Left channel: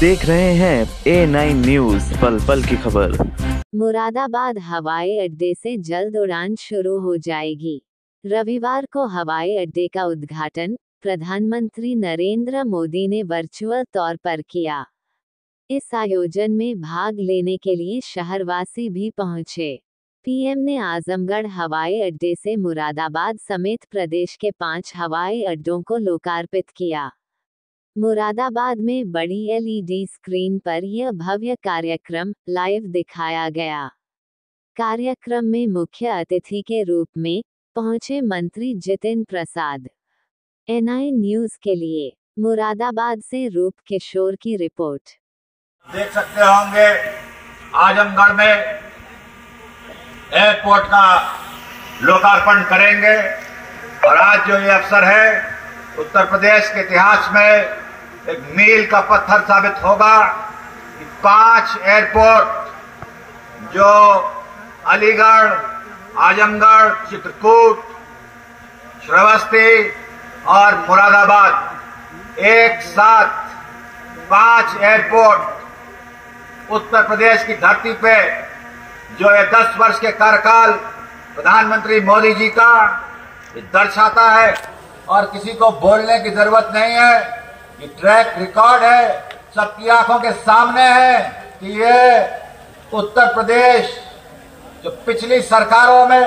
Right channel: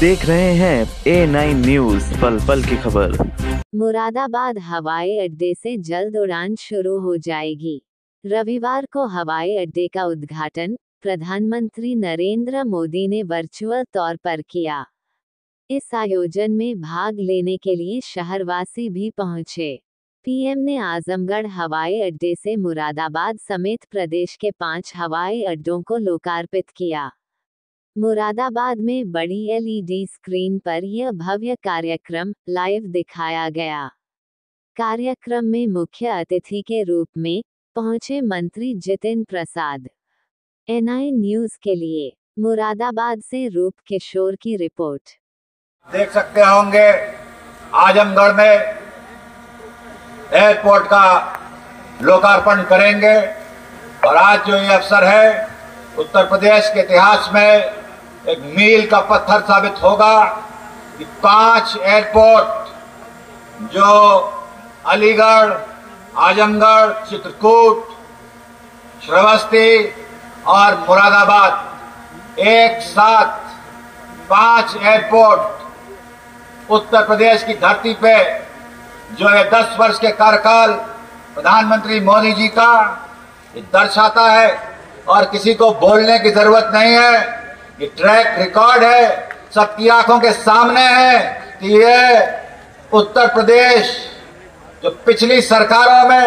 देख रहे हैं A9 न्यूज़, पल पल की खबर। मुरादाबाद हवाई अड्डे से जल्द उड़ान शुरू हो जाएगी। रविवार को हवाई अड्डे का उद्घाटन प्रधानमंत्री नरेंद्र मोदी ने वर्चुअल तौर पर किया। इस आयोजन में भाग लेने के लिए शहरवासी भी पहुंचे। पीएम ने आजमगढ़ हवाई अड्डे से मुरादाबाद समेत प्रदेश के 5 हवाई अड्डों को लोकार्पित किया। मुरादाबाद में बड़ी एलईडी स्क्रीन पर यह भव्य कार्यक्रम लाइव दिखाया गया। कार्यक्रम में मुख्य अतिथि के रूप में पहुंचे मंत्री जितिन प्रसाद। A9 न्यूज़ के लिए मुरादाबाद से रूप किशोर की रिपोर्ट। देख सकते होंगे आजमगढ़ में एयरपोर्ट का लोकार्पण करेंगे और आज जो ये अवसर है उत्तर प्रदेश के इतिहास में एक मील का पत्थर साबित होगा कि 5 एयरपोर्ट जो अलीगढ़, आजमगढ़, चित्रकूट, श्रावस्ती और मुरादाबाद एक साथ 5 एयरपोर्ट उत्तर प्रदेश की धरती पे जो ये 10 वर्ष के कार्यकाल प्रधानमंत्री मोदी जी का ये दर्शाता है और किसी को बोलने की जरूरत नहीं है। ये ट्रैक रिकॉर्ड है, सबकी आंखों के सामने है कि ये उत्तर प्रदेश जो पिछली सरकारों में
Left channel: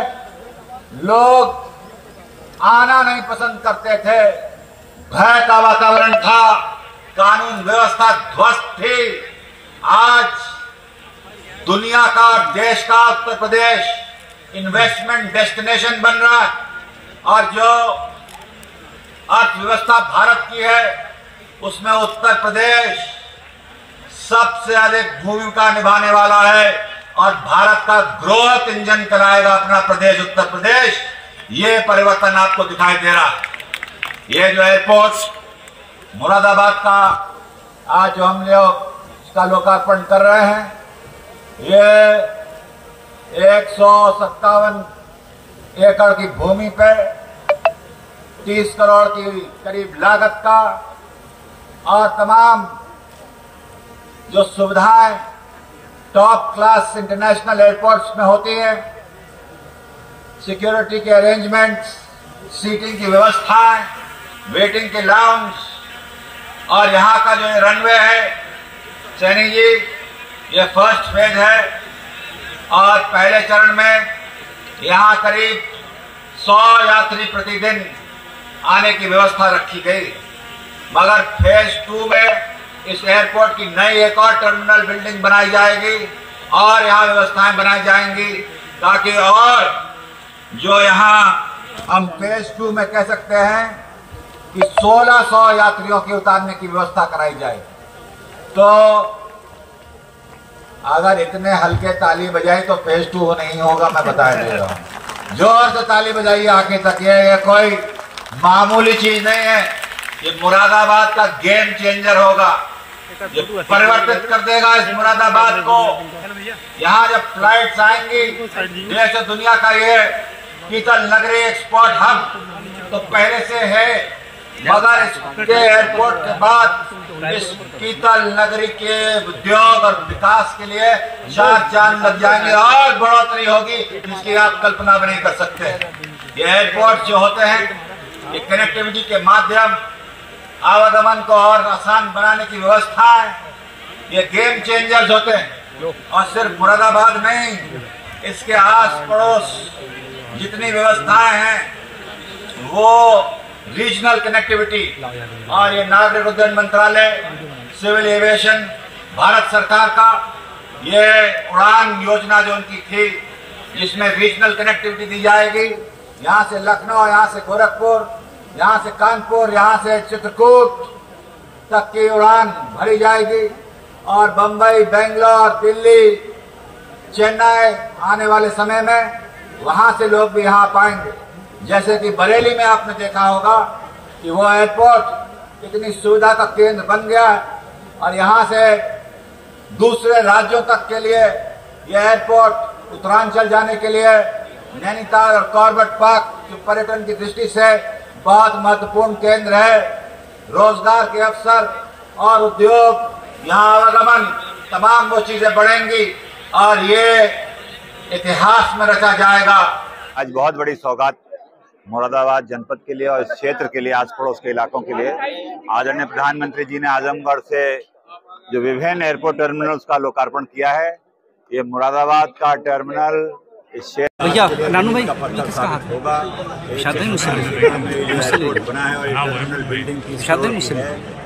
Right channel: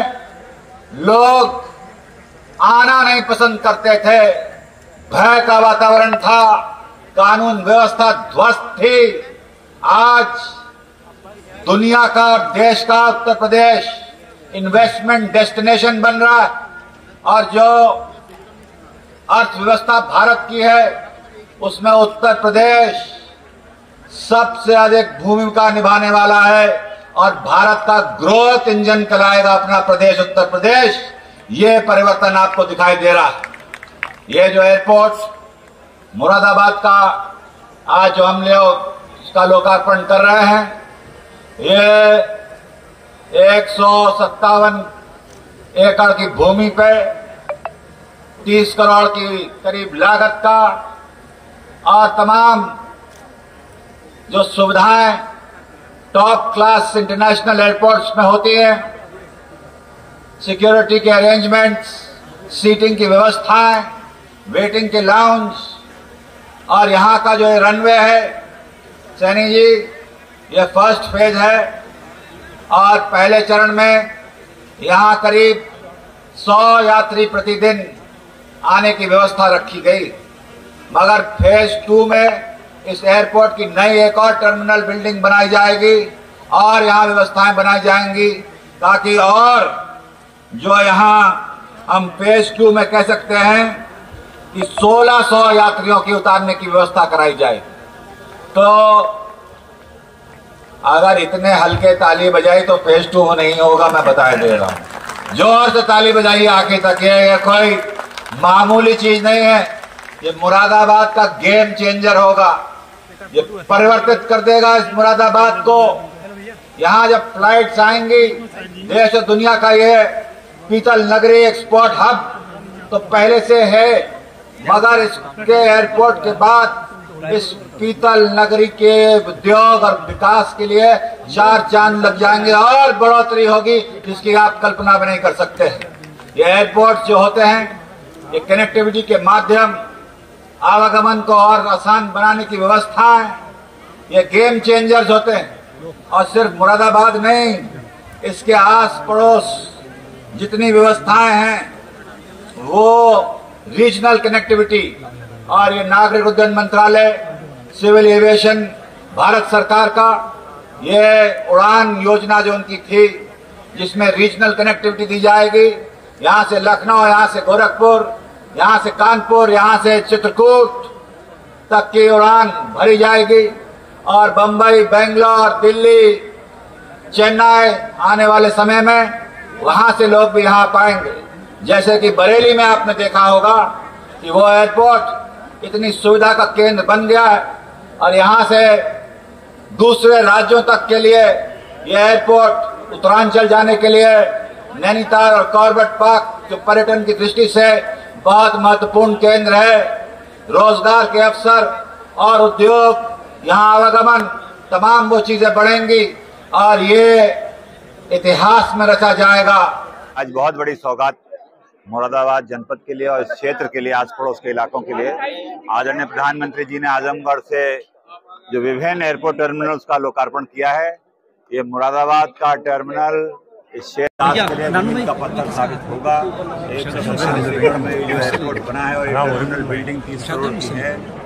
लोग आना नहीं पसंद करते थे, भय का वातावरण था, कानून व्यवस्था ध्वस्त थी, आज दुनिया का और देश का उत्तर प्रदेश इन्वेस्टमेंट डेस्टिनेशन बन रहा है और जो अर्थव्यवस्था भारत की है उसमें उत्तर प्रदेश सबसे अधिक भूमिका निभाने वाला है और भारत का ग्रोथ इंजन चलाएगा अपना प्रदेश उत्तर प्रदेश। ये परिवर्तन आपको दिखाई दे रहा है। ये जो एयरपोर्ट मुरादाबाद का आज जो हम लोग इसका लोकार्पण कर रहे हैं, ये 157 एकड़ की भूमि पे 30 करोड़ की करीब लागत का और तमाम जो सुविधाएं टॉप क्लास इंटरनेशनल एयरपोर्ट्स में होती हैं, सिक्योरिटी के अरेंजमेंट्स, सीटिंग की व्यवस्थाएं, वेटिंग के लाउंज और यहाँ का जो रनवे है, सैनी जी, ये फर्स्ट फेज है और पहले चरण में यहाँ करीब 100 यात्री प्रतिदिन आने की व्यवस्था रखी गई, मगर फेज 2 में इस एयरपोर्ट की नई एक और टर्मिनल बिल्डिंग बनाई जाएगी और यहाँ व्यवस्थाएं बनाई जाएंगी ताकि और जो यहाँ हम फेज 2 में कह सकते हैं कि 1600 यात्रियों की उतारने की व्यवस्था कराई जाए। तो अगर इतने हल्के ताली बजाई तो फेज 2 नहीं होगा, मैं बता दे रहा हूँ। जोर से ताली बजाइए आखिर तक, ये कोई मामूली चीज नहीं है, ये मुरादाबाद का गेम चेंजर होगा, ये परिवर्तित कर देगा इस मुरादाबाद को। यहाँ जब फ्लाइट्स आएंगी, देश और दुनिया का ये पीतल नगरी एक्सपोर्ट हब तो पहले से है, मगर इसके एयरपोर्ट के बाद इस पीतल नगरी के उद्योग और विकास के लिए 4 चांद लग जाएंगे और बढ़ोतरी होगी जिसकी आप कल्पना भी नहीं कर सकते। ये एयरपोर्ट जो होते हैं ये कनेक्टिविटी के माध्यम आवागमन को और आसान बनाने की व्यवस्था है, ये गेम चेंजर्स होते हैं और सिर्फ मुरादाबाद नहीं, इसके आस पड़ोस जितनी व्यवस्थाएं हैं वो रीजनल कनेक्टिविटी और ये नागरिक उड्डयन मंत्रालय, सिविल एविएशन भारत सरकार का ये उड़ान योजना जो उनकी थी जिसमें रीजनल कनेक्टिविटी दी जाएगी, यहाँ से लखनऊ, यहाँ से गोरखपुर, यहाँ से कानपुर, यहाँ से चित्रकूट तक की उड़ान भरी जाएगी और बंबई, बेंगलोर, दिल्ली, चेन्नई आने वाले समय में वहां से लोग भी यहाँ पाएंगे। जैसे कि बरेली में आपने देखा होगा कि वो एयरपोर्ट इतनी सुविधा का केंद्र बन गया है और यहाँ से दूसरे राज्यों तक के लिए ये एयरपोर्ट उत्तरांचल जाने के लिए नैनीताल और कॉर्बेट पार्क जो पर्यटन की दृष्टि से बहुत महत्वपूर्ण केंद्र है, रोजगार के अवसर और उद्योग यहाँ आवागमन तमाम वो चीजें बढ़ेंगी और ये इतिहास में रचा जाएगा। आज बहुत बड़ी सौगात मुरादाबाद जनपद के लिए और इस क्षेत्र के लिए, आस पड़ोस के इलाकों के लिए आदरणीय प्रधानमंत्री जी ने आजमगढ़ से जो विभिन्न एयरपोर्ट टर्मिनल्स का लोकार्पण किया है। ये मुरादाबाद का टर्मिनल इस क्षेत्र के लिए का पत्थर साबित होगा। एयरपोर्ट बना है और ये टर्मिनल बिल्डिंग 30 करोड़ की है।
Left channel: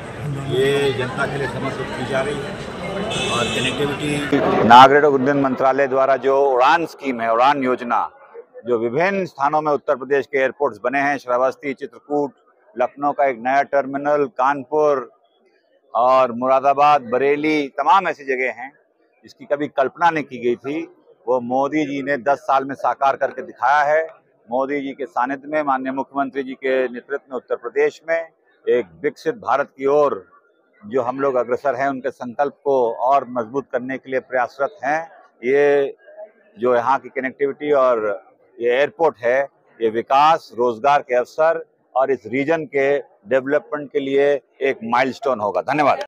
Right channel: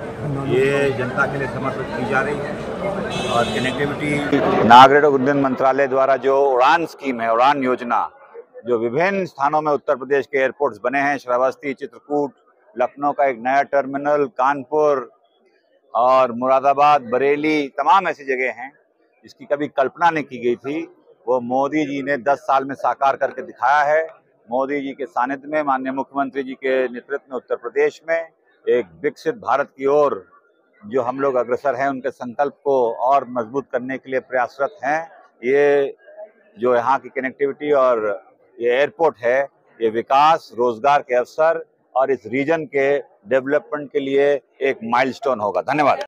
ये जनता के लिए समर्पित की जा रही है और कनेक्टिविटी नागरिक उड्डयन मंत्रालय द्वारा जो उड़ान स्कीम है, उड़ान योजना, जो विभिन्न स्थानों में उत्तर प्रदेश के एयरपोर्ट्स बने हैं, श्रावस्ती, चित्रकूट, लखनऊ का एक नया टर्मिनल, कानपुर और मुरादाबाद, बरेली, तमाम ऐसी जगह हैं जिसकी कभी कल्पना नहीं की गई थी। वो मोदी जी ने 10 साल में साकार करके दिखाया है। मोदी जी के सानिध्य में, माननीय मुख्यमंत्री जी के नेतृत्व में उत्तर प्रदेश में एक विकसित भारत की ओर जो हम लोग अग्रसर हैं, उनके संकल्प को और मजबूत करने के लिए प्रयासरत हैं। ये जो यहाँ की कनेक्टिविटी और ये एयरपोर्ट है, ये विकास, रोजगार के अवसर और इस रीजन के डेवलपमेंट के लिए एक माइलस्टोन होगा। धन्यवाद।